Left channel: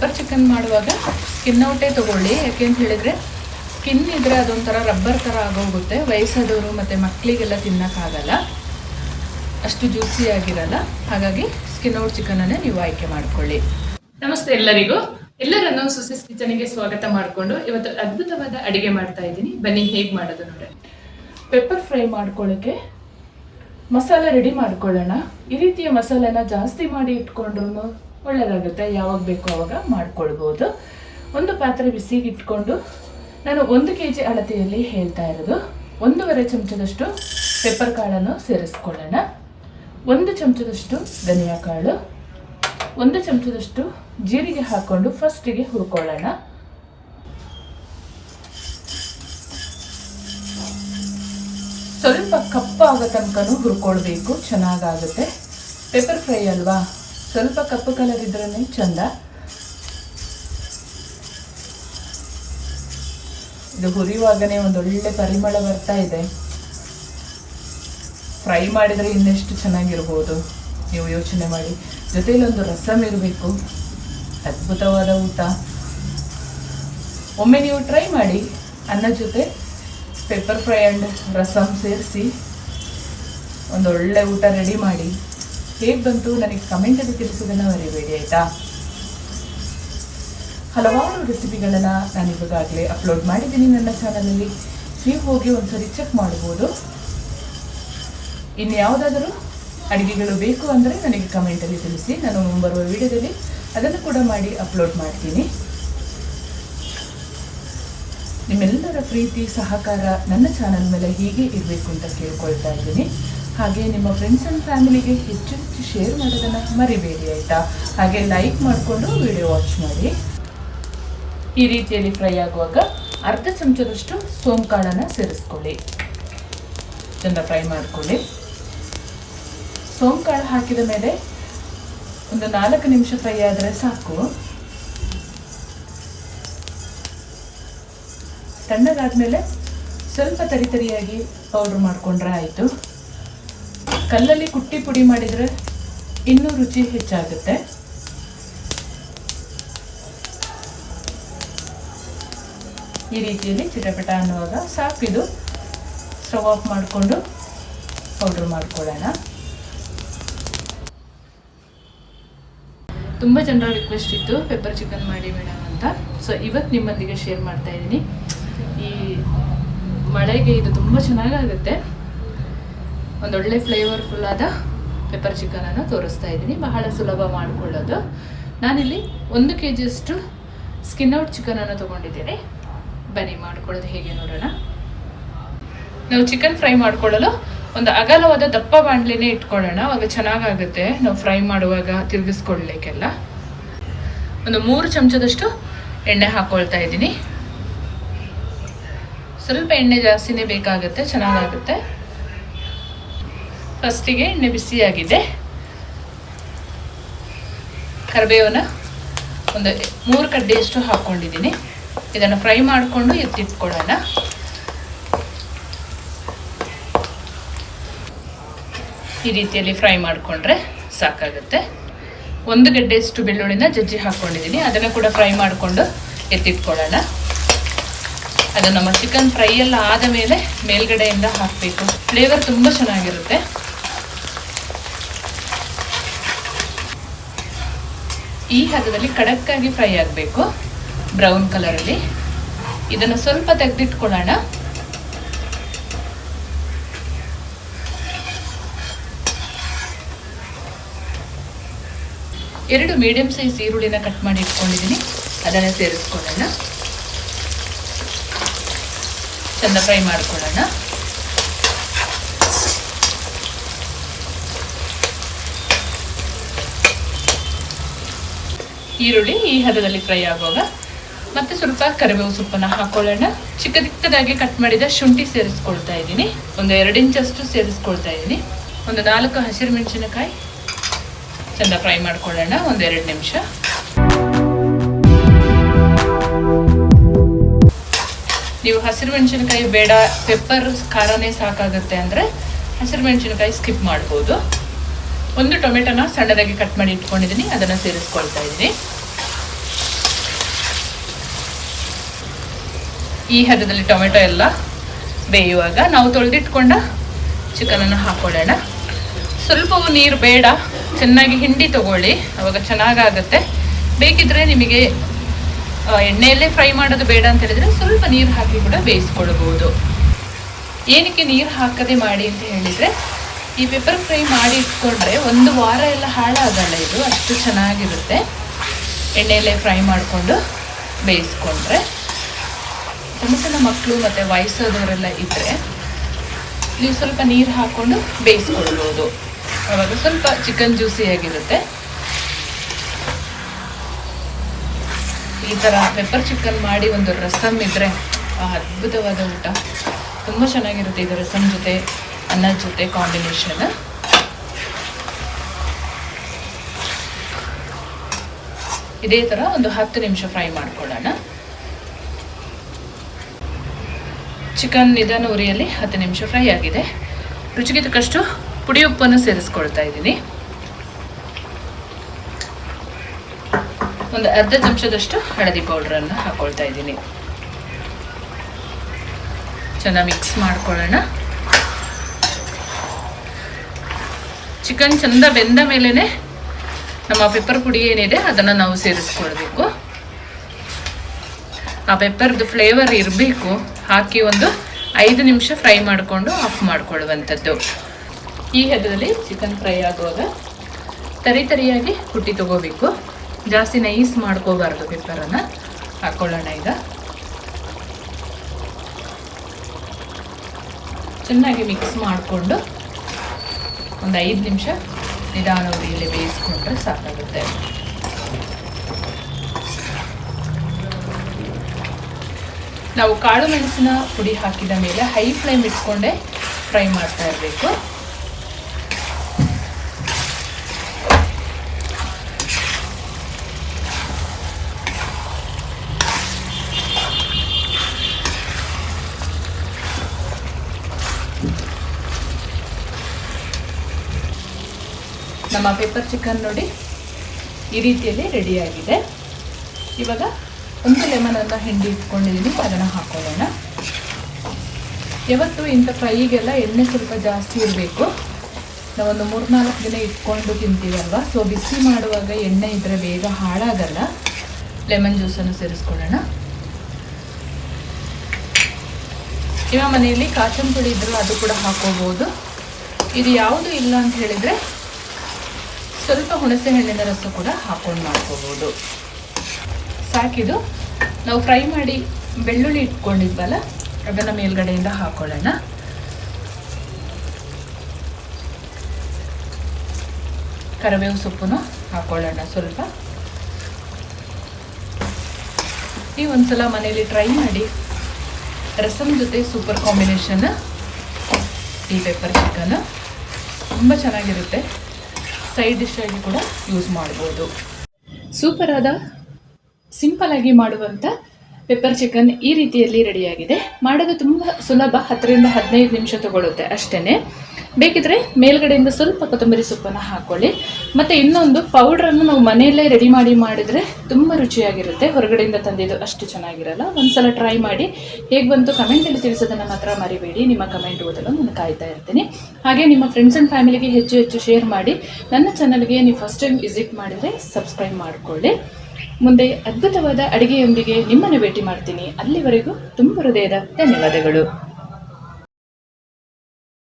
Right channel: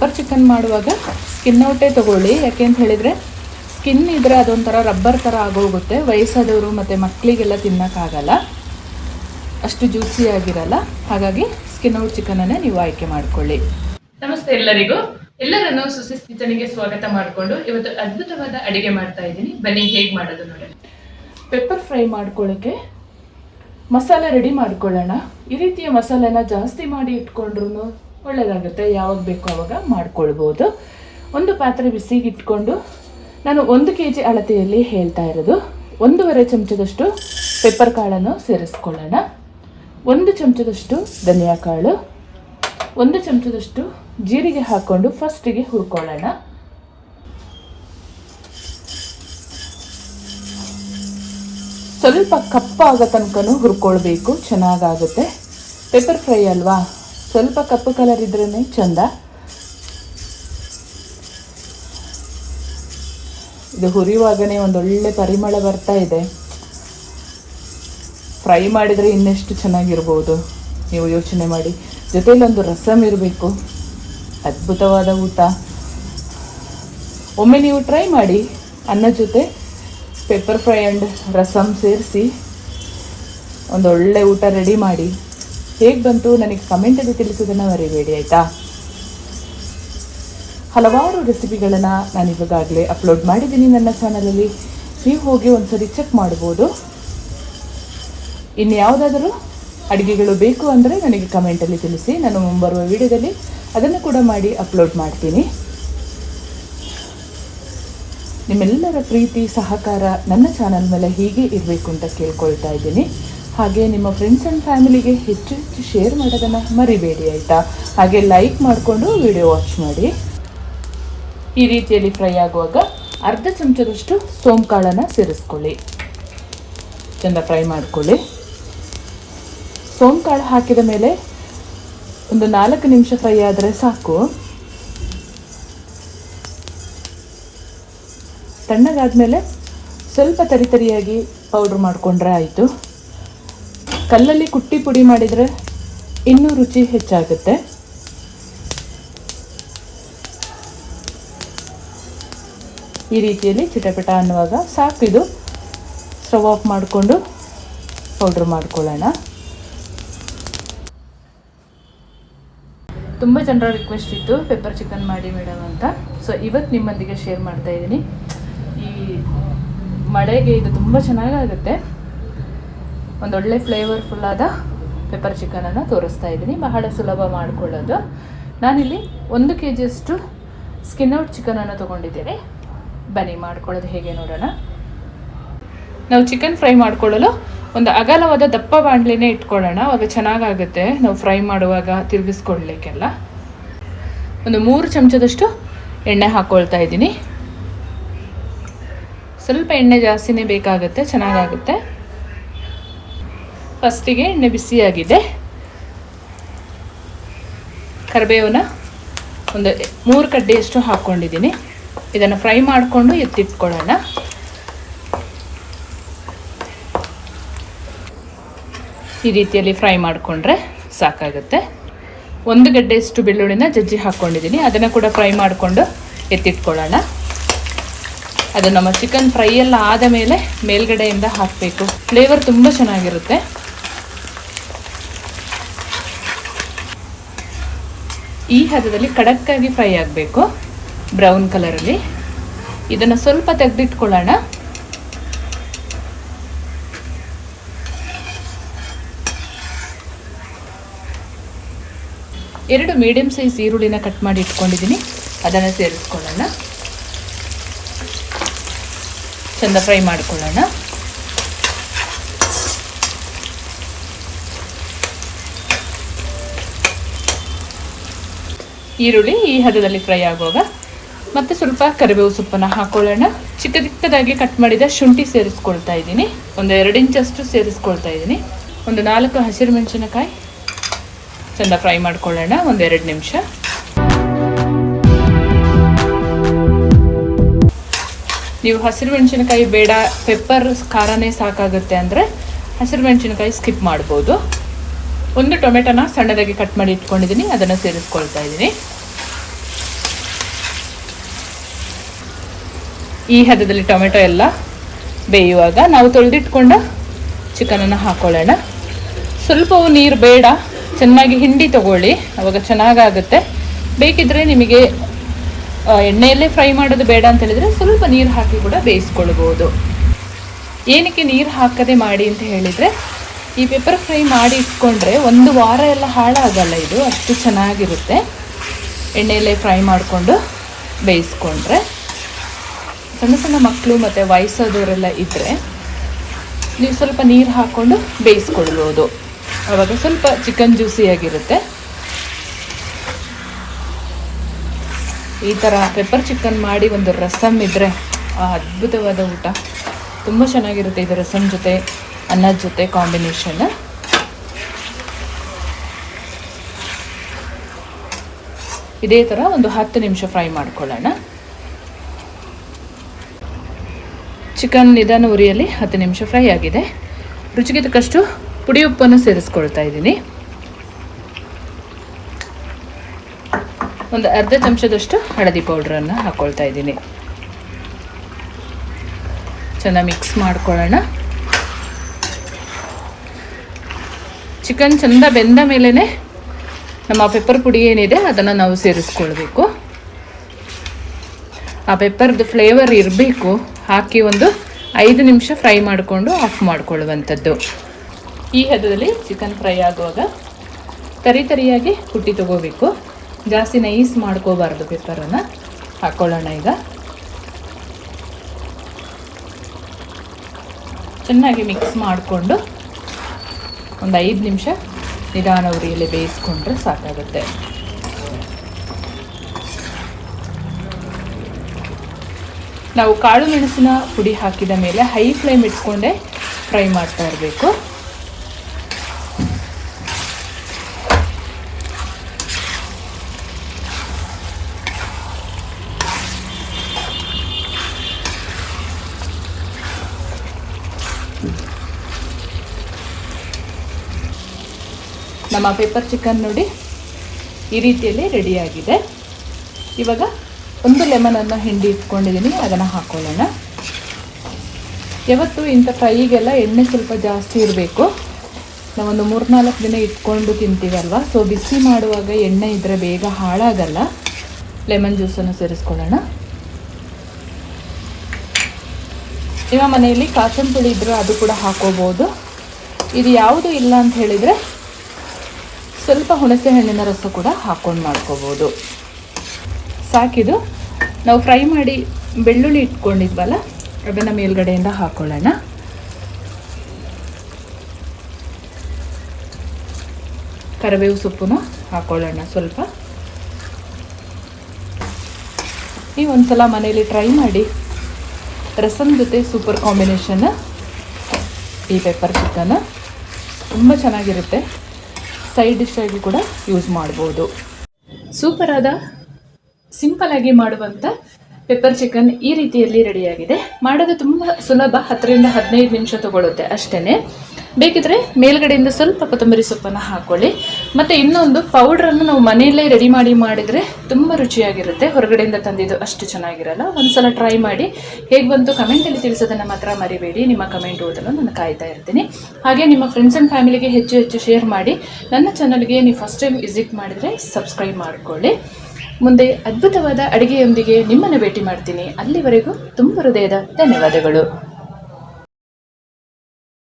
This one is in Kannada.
ಪೆಪ್ಪರ್ ಚಿಕನ್ ಮಾಡುವಾಗ ಸ್ಕಿನ್ ಔಟೇ ತೊಗೊಳ್ಳಿ. ಯಾಕೆ ಅಂತ ಹೇಳಿದರೆ ಸ್ಕಿನ್ ಇದ್ದರೆ ಅದೊಂಥರ ರಬ್ಬರ್ ಥರ ಆಗೋಗುತ್ತೆ. ವಯಸ್ಸಾದವರು ಮತ್ತು ಮಕ್ಕಳಿಗೆಲ್ಲ ತಿನ್ನೋಕ್ಕಾಗಲ್ಲ, ಅಷ್ಟು ಜ್ಯೂಸಿಯಾಗಿರಲ್ಲ. ಹಾಗಾಗಿ ಸ್ಕಿನ್ ಔಟ್ ಚಿಕನನ್ನೇ ನೀವು ಆಯ್ಕೆ ಮಾಡಿಕೊಳ್ಳಿ. ನಮಸ್ತೆ ಎಲ್ಲರನ್ನು ಸುಸಿಸ್ ಕಿಚನ್ಗೆ ಸ್ವಾಗತ ಮಾಡಿಕೊಂಡು ಇವತ್ತು ಅದ್ಭುತವಾದ ಅಡಿಗೆ ಮಾಡ್ತಾ ಇದ್ದೀನಿ. ಬನ್ನಿ ಹೇಗೆ ಮಾಡೋದು ನೋಡಿ. ಪೆಪ್ಪರ್ ಫ್ರೈ ಮಾಡ್ಕೊಳ್ಳೋಕ್ಕೆ ಮಸಾಲೆ ರೆಡಿ ಮಾಡ್ಕೊಳ್ಳೋಣ. ಈ ರೀತಿಯ ಮಸಾಲೆನ ಜಾಸ್ತಿ ಮಾಡಿ ಇಟ್ಕೊಂಡ್ರೂ ಒಳ್ಳೆಯದಾಗುತ್ತೆ. ಯಾವಾಗ ಬೇಕೋ ಆವಾಗ ಮಾಡ್ಕೊಳ್ಬೋದು. ಒಂದು ಪಾತ್ರೆ ಬಿಸಿಗೆ ಇಟ್ಕೊಂಡು ನಾನು 1 kg ಅಳತೆಯಲ್ಲಿ ಹೇಳ್ತಾ ಇರೋದು 1.5 ಚಮಚದಷ್ಟು ಪೆಪ್ಪರ್ ಕಾಳನ್ನು ಸೇರಿಸ್ಕೊಳ್ಳೋಣ. 1 ಚಮಚದಷ್ಟು ಧನಿಯಾ ಕಾಳು, 1 ಚಮಚದಷ್ಟು ಜೀರಿಗೆ ಹಾಕ್ಕೊಂಡು ಫಸ್ಟಿಗೆ ಹುರ್ಕೊಳ್ಳೋಣ. ಸ್ವಲ್ಪ ಕಪ್ಪಾಗೋ ತನಕನೂ ಹುರ್ಕೊಳ್ಬೇಕು, ಚೆನ್ನಾಗಾಗುತ್ತೆ. ಪೆಪ್ಪರ್ ಫ್ರೈ ಅಲ್ವಾ, ಸ್ವಲ್ಪ ಕಪ್ಪು ಕಲರ್ ಇದ್ರೇ ಚಂದ. ಇದು ಹುರಿಯುವಾಗನೇ ಒಂದೊಳ್ಳೆ ಪರಿಮಳ ಬರ್ತಾ ಇದೆ. ಫ್ರೈ ಮಾಡಿದರೆ ಇನ್ನೆಷ್ಟು ಚೆನ್ನಾಗಿರ್ಬೋದು ನೀವು ಯೋಚನೆ ಮಾಡಿ. ಜೊತೆಯಲ್ಲಿ ಒಂದು ರಸಮ್ ಇರಬೇಕು, ಅದ್ಭುತವಾದ ಊಟ. ಒಮ್ಮೆ ನೀವು ಟ್ರೈ ಮಾಡಿ. ಅನ್ನದ ಜೊತೆ ಪೆಪ್ಪರ್ ಫ್ರೈ ಆ್ಯಂಡ್ ರಸಮ್ ಸೇರಿಸಿ ಒಂದೊಳ್ಳೆ ಊಟ ರೆಡಿ ಮಾಡಿ. ಹೇಗೆ ಬಂತು ನನಗೆ ಕಮೆಂಟಲ್ಲಿ ತಿಳಿಸೋದನ್ನು ಮರಿಬೇಡಿ ಆಯಿತಾ. ಹಲವಾರು ರೆಸಿಪಿಗಳನ್ನು ನಾನು ಇವಾಗಲೇ ಅಪ್ಲೋಡ್ ಮಾಡಿದ್ದೀನಿ ನನ್ನ ಚಾನಲಲ್ಲಿ. ನೀವು ಹೋಗಿ ಒಂದ್ಸರಿ ಚೆಕ್ ಮಾಡ್ಬೋದು. ಇನ್ನು ಯಾವುದಾದರೂ ಅಡುಗೆಗಳು ಬೇಕು ಅಂದರೆ ನನಗೆ ಕಮೆಂಟಲ್ಲಿ ತಿಳಿಸಿ. ನಾನು ಮುಂಬರುವ ವಿಡಿಯೋದಲ್ಲಿ ಅದನ್ನು ಕೂಡ ಮಾಡಿ ಅಪ್ಲೋಡ್ ಮಾಡ್ತೀನಿ. ನಿಮ್ಮೆಲ್ಲರ ಪ್ರೀತಿ ಸಹಕಾರ ನನ್ನ ಚಾನಲ್ ಮೇಲೆ ಹೀಗೆ ಇರಬೇಕು ಅಂತ ಕೇಳ್ಕೊಳ್ತಾ ಇದ್ದೀನಿ. ಹಾಗೆ ನಿಮ್ಮ ಫ್ರೆಂಡ್ಸ್ ಆ್ಯಂಡ್ ಫ್ಯಾಮಿಲಿಗೆ ಹೆಚ್ಚು ಹೆಚ್ಚು ಶೇರ್ ಮಾಡೋದನ್ನು ಮರಿಬೇಡಿ ಆಯಿತಾ. ಹಾಗೆ ಲೈಕ್ ಮಾಡಿಕೊಂಡು ವಿಡಿಯೋ ವಾಚ್ ಮಾಡಿ. ಈ ರೀತಿಯಲ್ಲಿ ಫ್ರೈ ಆಗುವಾಗ ಅರ್ಧ ಚಮಚದಷ್ಟು ಸೋಂಕಾಳನ್ನು ಸೇರಿಸ್ಕೊಳ್ಳಿ. ಚೆಂದ ಫ್ರೈ ಮಾಡಿಕೊಳ್ಳಿ. ಸೋಂಕಾಳು ಹಾಕಿದ ಮೇಲೆ ಒಂದು 4 ನಿಮಿಷ ಫ್ರೈ ಆದರೆ ಸಾಕು. ತಣ್ಣಗಾದ್ಮೇಲೆ ಸ್ವಲ್ಪ ತರಿಯಾಗಿ ಪೌಡ್ರ್ ಮಾಡಿಕೊಂಡ್ರೆ ಆಯಿತು. ಕಲ್ಲಲ್ಲಿ ಕುಟ್ಟಿ ಪುಡಿ ಮಾಡಿದರೆ ಇನ್ನೂ ರುಚಿ ಹೆಚ್ಚಾಗುತ್ತೆ. ಈ ರೀತಿಯಲ್ಲಿ ಚಿಟಪಟ ಅನ್ನುವಾಗ ಸಾಕು. ಇದು ಸ್ಟವ್ ಆಫ್ ಮಾಡಿಕೊಂಡು ಪೌಡ್ರ್ ಮಾಡ್ಕೊಳ್ಳೋಣ. ತುಂಬ ಜನರ ರಿಕ್ವೆಸ್ಟ್ ಇತ್ತು ಪೆಪ್ಪರ್ ಚಿಕನ್ ಮಾಡಿ ಮೇಡಮ್ ಅಂತ. ಸೊ ಇವತ್ತು ನಿಮ್ಮೊಂದಿಗೆ ಶೇರ್ ಮಾಡ್ತಾ ಇದ್ದೀನಿ. ಈ ಮಳೆಗೆ ಇದು ತುಂಬ ಚೆನ್ನಾಗಾಗುತ್ತೆ. ಒಂದೊಳ್ಳೆ ಫ್ಲೇವರ್ಫುಲ್ಲಾದ ಪೆಪ್ಪರ್ ಚಿಕನನ್ನು ತೋರಿಸ್ತಾ ಇದ್ದೀನಿ. ಬಹಳ ಸುಲಭ ಮಾಡಿಕೊಳ್ಳೋದು. ನಾನಿಲ್ಲಿ 1 kgಯಷ್ಟು ಸ್ಕಿನ್ ಔಟ್ ಚಿಕನನ್ನು ತೊಗೊಂಡಿದ್ದೀನಿ. ಬನ್ನಿ ಮಾಡ್ಕೊಳ್ಳೋದು ಹೇಗೆ ನೋಡೋಣ. ನಾವು ಚಿಕನ್ ಫ್ರೈ ಮಾಡ್ಕೊಳ್ಳಲು ಒಂದು ಅಗಲವಾದ ದಪ್ಪ ಬಾಣಲೆನೇ ಇಟ್ಕೊಳ್ಳೋಣ. ಅದು ಚೆನ್ನಾಗಾಗುತ್ತೆ ನಾವು ಫ್ರೈ ಮಾಡುವಾಗ ತಿರುಗಿಸ್ಕೊಳ್ಳಲಿಕ್ಕೆಲ್ಲ. ಒಂದು 3 ಚಮಚದಷ್ಟು ಎಣ್ಣೆ ಹಾಕ್ಕೊಳ್ತಾ ಇದ್ದೀನಿ. ಸ್ವಲ್ಪ ಎಣ್ಣೆ ಜಾಸ್ತಿನೇ ಬೇಕಾಗುತ್ತೆ, ಚೆನ್ನಾಗಾಗುತ್ತೆ. ಫಸ್ಟಿಗೆ ಎಣ್ಣೆ ಬಿಸಿಯಾಗಿದೆ. ಕರಿಬೇವನ್ನ ಒಂದು 3 ಕಡ್ಡಿಯಷ್ಟು ಹಾಕ್ಕೊಂಡಿದ್ದೀನಿ. ಇದನ್ನು ಫ್ರೈ ಮಾಡಿಕೊಂಡು ಎತ್ತಿಟ್ಕೊಳ್ಳೋಣ. ಈ ರೀತಿಯಲ್ಲಿ ಫ್ರೈ ಮಾಡಿಕೊಂಡ್ರೆ ಸಾಕಾಗುತ್ತೆ. 1 ಗಡ್ಡೆಯಷ್ಟು ಬೆಳ್ಳುಳ್ಳಿನ ಜಜ್ಜಿ ಹಾಕ್ಕೊಂಡಿದ್ದೀನಿ. ಅದನ್ನು ಕೂಡ ಫ್ರೈ ಮಾಡಿಕೊಂಡು ಎತ್ತಿಟ್ಕೊಳ್ಳೋಣ. ಅದು ನಮ್ಮ ಚಿಕನ್ ಫ್ರೈ ಎಲ್ಲ ಆದ ಮೇಲೆ ಮೇಲ್ಗಡೆಯಿಂದ ಹಾಕಬೇಕು. ಫ್ಲೇವರ್ ತುಂಬ ಚೆನ್ನಾಗಿರುತ್ತೆ. ಈ ಹದದಲ್ಲಿ ಕಡಕ್ಕಾಗಿ ಫ್ರೈ ಆಗಬೇಕು, ಬ್ರೌನ್ ಕಲರಲ್ಲಿ. ಇದನ್ನು ಸ್ವಲ್ಪ ತೆಗೆದಿಟ್ಕೊಳ್ಳೋಣ. ಎರಡು ಮೀಡಿಯಂ ಸೈಜ್ ಈರುಳ್ಳಿನ ಕಟ್ ಮಾಡಿ ಇಟ್ಕೊಂಡಿದ್ದೀನಿ. ಅದನ್ನು ಸೇರಿಸ್ಕೊಳ್ಳೋಣ. ಚೆಂದ ಫ್ರೈ ಮಾಡ್ಕೊಳ್ಳೋಣ. ಈರುಳ್ಳಿ ಈ ಹದದಲ್ಲಿ ಫ್ರೈ ಆಗುವಾಗ ಮತ್ತೆ ಸ್ವಲ್ಪ ಕರಿಬೇವು ಸೊಪ್ಪನ್ನು ಹಾಕೊಳ್ಳೋಣ. ಚಿಕ್ಕದಾಗಿ ಕಟ್ ಮಾಡಿದ ಶುಂಠಿ ಸೇರಿಸ್ಕೊಳ್ತಾ ಇದ್ದೀನಿ. ಒಂದು 2 ಇಂಚಷ್ಟು ಸೇರಿಸ್ಕೊಳ್ತಾ ಇದ್ದೀನಿ. ಒಂದು 4 ಹಸಿರು ಮೆಣಸಿನಕಾಯಿ ಚೆಂದ ಫ್ರೈ ಮಾಡ್ಕೊಳ್ಳೋಣ. ಒಂದು 2 ನಿಮಿಷ. ನೀವು ಹಸಿರು ಮೆಣಸಿನಕಾಯಿ ಬೇಡ, ಪೆಪ್ಪರ್ ಖಾರನೇ ಸಾಕಾಗುತ್ತೆ ಅಂದರೆ ಹಸಿರು ಮೆಣಸಿನಕಾಯಿ ಸ್ಕಿಪ್ ಮಾಡ್ಬೋದು. ಒಂದು ಟೊಮೆಟೊನ ಸಣ್ಣದಾಗಿ ಕಟ್ ಮಾಡಿ ಇಟ್ಕೊಂಡಿದ್ದೀನಿ, ಅದನ್ನು ಸೇರಿಸ್ಕೊಳ್ತಾ ಇದ್ದೀನಿ. ಈ ಹದದಲ್ಲಿ ಟೊಮೆಟೊ ಎಲ್ಲ ಬೇಯುವಾಗ ನಾವು ತೊಳೆದಿಟ್ಕೊಂಡ ಚಿಕನನ್ನು ಹಾಕೊಳ್ಳೋಣ. ಸ್ವಲ್ಪವೂ ನೀರು ಬೇಡ, ಚೆನ್ನಾಗಿ ಹಿಂಡಿ ತಗೊಳ್ಳಿ, ಅವಾಗ ಚೆನ್ನಾಗಾಗುತ್ತೆ. ಬೇಕಿದ್ರೆ ನಿಮಗೆ ಎಣ್ಣೆಯಲ್ಲಿ ಫ್ರೈ ಮಾಡೋದು ಬೇಡ ಅಂತ ಹೇಳಿದರೆ ಸ್ವಲ್ಪ ನೀರು ಹಾಕಿ ಕೂಡ ಬೇಯಿಸ್ಕೊಳ್ಬೋದು. ಏನಕ್ಕೆ ನೀರು ಹಾಕದೆ ಮಾಡಿ ಅಂತ ಹೇಳಿದರೆ, ಈ ಪೆಪ್ಪರ್ ಫ್ರೈ ಮಾಡಿ ಇಟ್ಕೊಂಡ್ರೆ 1 ವಾರ ಎಲ್ಲ ಹಾಳಾಗಲ್ಲ, ಇದು ಅಷ್ಟು ಚೆನ್ನಾಗಿರುತ್ತೆ. ಎಣ್ಣೆಯಲ್ಲೇ ಫ್ರೈ ಮಾಡಿಕೊಂಡು ಬೇಯಿಸ್ಕೊಂಡ್ರೆ. ಸಣ್ಣ ಸಣ್ಣ ಮಕ್ಕಳು ಮತ್ತು ವಯಸ್ಸಾದವರೆಲ್ಲ ಇದ್ದರೆ ನೀವು ಸ್ವಲ್ಪ ನೀರು ಹಾಕ್ಕೊಂಡು ಬೇಯಿಸ್ಕೊಳ್ಬೋದು, ಆವಾಗ ಸ್ವಲ್ಪ ಚಿಕನ್ ಜ್ಯೂಸಿಯಾಗಿರುತ್ತೆ. ಈ ಥರ ಪೆಪ್ಪರ್ ಚಿಕನ್ ಮಾಡಿ ಒಂದು ರಸಮ್ ಇದ್ದರೆ ಅದ್ಭುತವಾದ ಊಟ, ತುಂಬ ಚೆನ್ನಾಗಿರುತ್ತೆ. ಇದು ರಸಮ್ ಜೊತೆ, ಅನ್ನದ ಜೊತೆ ಕಾಂಬಿನೇಷನ್. ಇದೇ ಥರ ಒಂದು 10 ನಿಮಿಷ ಫ್ರೈ ಮಾಡ್ಕೊಳ್ಳೋಣ. ಚಿಕನ್ ನಿಧಾನ ಉರಿಯಲ್ಲಿ 10 ನಿಮಿಷ ಫ್ರೈ ಆಗಿದೆ. ರುಚಿಗೆ ತಕ್ಕಷ್ಟು ಪುಡಿ ಉಪ್ಪನ್ನು ಸೇರಿಸ್ಕೊಳ್ತಾ ಇದ್ದೀನಿ. ಒಂದು ಅರ್ಧ ಚಮಚದಷ್ಟು ಹಳದಿ ಪೌಡ್ರನ್ನು ಹಾಕ್ಕೊಳ್ತಾ ಇದ್ದೀನಿ. ಚೆನ್ನಾಗಿ ಮಿಕ್ಸ್ ಮಾಡ್ಕೊಳ್ಳೋಣ. ಚಿಕನ್ ಚೆಂದ ಬೆಂದ ಮೇಲೇ ನಮ್ಮ ಪೆಪ್ಪರ್ ಪುಡಿ ಏನಿದೆ ಅದನ್ನು ನಾವು ಸೇರಿಸ್ಕೊಳ್ಬೇಕು. ಆ ಪೆಪ್ಪರ್ದು ಫ್ಲೇವರ್ ಇರಬೇಕು. ಹಾಕಿ ಒಂದು 5 ನಿಮಿಷ ಫ್ರೈ ಮಾಡಿಕೊಂಡು ಆಫ್ ಮಾಡಿಕೊಳ್ಳುವಂಥದ್ದು. ಈ ಹದದಲ್ಲಿ ಚಿಕನ್ ಫ್ರೈ ಆಗುವಾಗ ತರಿಯಾಗಿ ಕುಟ್ಟಿ ತಗೋಬೇಕು, ಜಾಸ್ತಿ ನೈಸ್ ಮಾಡ್ಕೋಬಾರ್ದು. ಪೆಪ್ಪರನ್ನು ಹಾಕ್ಕೊಳ್ಳೋಣ. ಈಗ ಚೆನ್ನಾಗಿ ಮಿಕ್ಸ್ ಮಾಡಿಕೊಂಡು ಒಂದು 5 ನಿಮಿಷ ನಿಧಾನ ಉರಿಯಲ್ಲಿ ಬೇಯಿಸ್ಕೊಂಡ್ರೆ ಸಾಕಾಗುತ್ತೆ. ನಾವು ಕಾಳು ಮೆಣಸಿನ ಪುಡಿ ಹಾಕಿದ ಮೇಲೆ ಹೈ ಫ್ಲೇಮ್ ಇಟ್ಕೊಂಡೇ ಫ್ರೈ ಮಾಡ್ತಾ ಇರಬೇಕು. ನಮ್ಮ ಪೆಪ್ಪರ್ ಚಿಕನ್ ನೋಡಿ ಈ ರೀತಿಯಲ್ಲಿ ರೆಡಿಯಾಗಿದೆ. ಇವಾಗ ಒಂದು ಲೆಮನನ್ನು ಹಿಂಡಿ ಇಟ್ಕೊಂಡಿದ್ದೀನಿ, ಅದನ್ನು ಹಾಕೊಳ್ಳೋಣ. ಯಾವತ್ತು ಇಂಥ ಫ್ರೈಗೆಲ್ಲ ಎಣ್ಣೆ ಸ್ವಲ್ಪ ಜಾಸ್ತಿ ಇರಬೇಕು. ನಾವೊಂದು 3-4 ದಿನ ಇಟ್ಕೊಂಡು ತಿಂತೀವಲ್ವ, ಸೊ ಬಿಸಿ ಮಾಡುವಾಗ ಎಣ್ಣೆ ಇದ್ದರೆ ಬೇಗ ಹಾಳಾಗಲ್ಲ. ಲೆಮನ್ ಜ್ಯೂಸನ್ನು ಸೇರಿಸ್ಕೊಳ್ಳೋಣ. ನಿಮ್ಮ ಮನೆಯಲ್ಲಿ ಕಾಚನ್ ಪುಡಿ ಇದ್ದರೂ ಅದು ಕೂಡ ಹಾಕೋಬೋದು. ಇದು ಯಾವುದು ಇಲ್ಲ ಅಂತ ಹೇಳಿದರೆ ಸ್ವಲ್ಪ ಹುಣಸೆ ಹಣ್ಣಿನ ರಸ ಕೂಡ ಹಾಕ್ಕೊಂಡು ಮಾಡ್ಕೋಬೋದು. ಸಾಕಿದು. ನಾವು ಫ್ರೈ ಮಾಡಿ ಬೆಳ್ಳುಳ್ಳಿ ಇಟ್ಕೊಂಡಿದ್ವಲ್ಲ, ಅದನ್ನು ಮೇಲ್ಗಡೆಯಿಂದ ಹಾಕೊಳ್ಳೋಣ. ಕರಿಬೇವು ಸೊಪ್ಪನ್ನು ಹಾಕೊಳ್ಳೋಣ ಸ್ವಲ್ಪ. ನೀವು ಒಂದ್ಸಲ ಮನೆಯಲ್ಲಿ ಟ್ರೈ ಮಾಡಿ. ರಸಮ್ ಜೊತೆ ಸೂಪರ್ ಕಾಂಬಿನೇಷನ್ ಈ ಪೆಪ್ಪರ್ ಚಿಕನ್, ತುಂಬ ಚೆನ್ನಾಗಿರುತ್ತೆ. ಸೈಡ್ ಡಿಶ್ ಆಗಿ ಕೂಡ ಯೂಸ್ ಮಾಡ್ಬೋದು. ಸೂಪರ್ ಆದ ಸಿಂಪಲ್ ಆಗಿ ಮಾಡುವಂಥ ಪೆಪ್ಪರ್ ಚಿಕನ್ ಈ ರೀತಿಯಲ್ಲಿ ರೆಡಿಯಾಗಿದೆ. ಮಾಡೋದು ತುಂಬ ಸುಲಭ, 10ರಿಂದ 15 ನಿಮಿಷ ತಗೊಳ್ಳುತ್ತೆ ಅಷ್ಟೇ. ಬೇಕಿದ್ರೆ ಮೇಲ್ಗಡೆಯಿಂದ ಸ್ವಲ್ಪ ಕೊತ್ತಂಬರಿ ಸೊಪ್ಪನ್ನು ಹಾಕ್ಕೊಳ್ಳಿ. ಮತ್ತು ಇನ್ನೊಂದು ಪೌಡ್ರನ್ನು ನಾವು ಮನೆಯಲ್ಲೇ ರೆಡಿ ಮಾಡಿದರೆ ತುಂಬ ರುಚಿಯಾಗಿರುತ್ತೆ. ಹೊರಗಡೆಯಿಂದ ತಂದಿದ್ದು ಅಷ್ಟು ಚೆನ್ನಾಗಿರಲ್ಲ. ಒಂದ್ಸಲ ಟ್ರೈ ಮಾಡಿ. ಹೇಗೆ ಬಂತು ಕಮೆಂಟಲ್ಲಿ ತಿಳಿಸೋದನ್ನು ಮಾತ್ರ ಮರಿಬೇಡಿ. ನಿಮ್ಮ ಕಮೆಂಟ್ ಓದಲು ನಾನು ಕಾಯ್ತಾ ಇರ್ತೀನಿ. ಹಾಗೆ ನಿಮ್ಮ ಫ್ರೆಂಡ್ಸ್ ಆ್ಯಂಡ್ ಫ್ಯಾಮಿಲಿಗೆ ಹೆಚ್ಚು ಶೇರ್ ಮಾಡಿ. ನನ್ನ ಚಾನಲ್ಗೆ ನೀವು ಫಸ್ಟ್ ಟೈಮ್ ವಿಸಿಟ್ ಮಾಡಿದರೆ ಸಬ್ಸ್ಕ್ರೈಬ್ ಮಾಡಿಕೊಳ್ಳಿ. ಮುಂದೆ ಅದ್ಭುತವಾದ ಅಡುಗೆಯೊಂದಿಗೆ ನಿಮ್ಮನ್ನು ಭೇಟಿ ಮಾಡ್ತೀನಿ. ಅಲ್ಲಿವರೆಗೂ ತುಂಬ ಹೃದಯದ ಧನ್ಯವಾದಗಳು.